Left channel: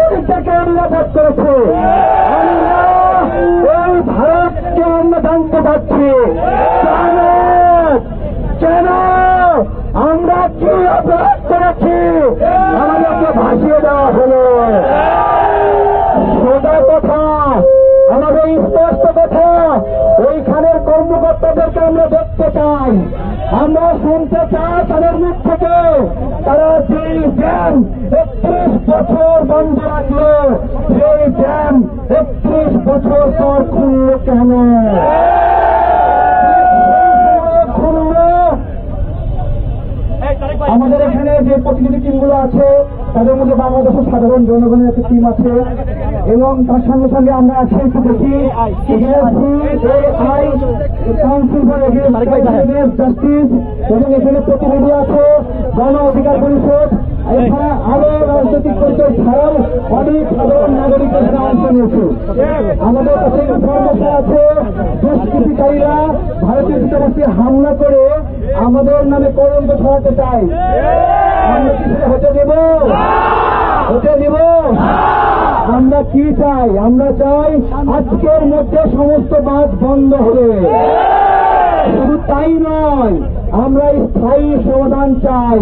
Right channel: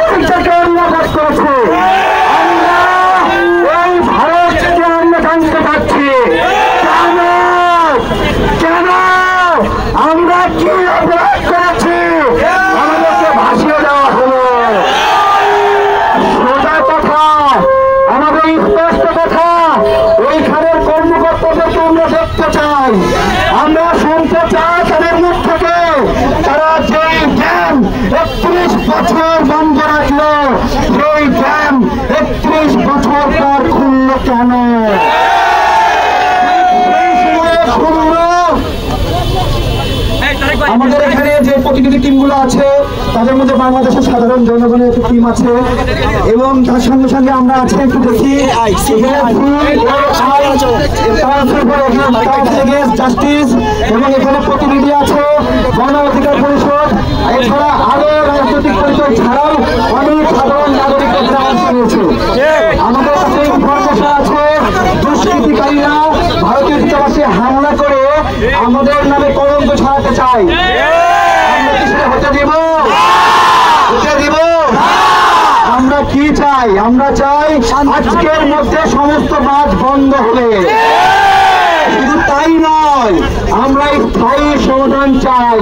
নাগরিকদেরকে নিরাপদ করেছে। আমরা এই ভারতকে আমরা জানতে পারছি কেন কেন আমরা কি অপরাধ করেছি আমাদেরকে ভাসিয়ে দেওয়া হলো। সোজা কথা, আমাদের স্পষ্ট কথা, ওইখানের কর্মকর্তাদেরকে আমরা দেখতে চাই, আমরা শুনতে চাই তাদের মুখ থেকে তারা যে ড্যাম 31 বছর বন্ধ রাখলো, সেই ড্যাম 31 বছর পর খুললো কেন? আমাদের এখানে যে প্রতিনিধি টিমগুলো আছে তাদের মধ্যে বাংলাদেশের সাধারণ জনগণের একটা টিম আছে এবং তার সঙ্গে সঙ্গে আমরা আছি একটু দেখি জাস্টিস এবং এখানে প্রতিনিধি আছে গণ অধিকার পরিষদ, এছাড়া আরো রাজনৈতিক পরিষদ ছাড়াও অনেক সাধারণ নাগরিক অংশ নিয়েছে। আমাদের কাছে ইনফরমেশন আছে দুষ্কৃতিকারীরা ভারতীয় দূতাবাসে হামলা করে আমাদের নামে কলঙ্ক ছড়াতে চায়। আমরা কি সেটা হতে দিব? হতে দিব? আমরা কি চাই? আমরা চাই আজকের মধ্যে সমস্ত বাঁধ বন্ধ হবে। শুধু তাই নয়, আমরা স্থায়ী সমাধান চাই।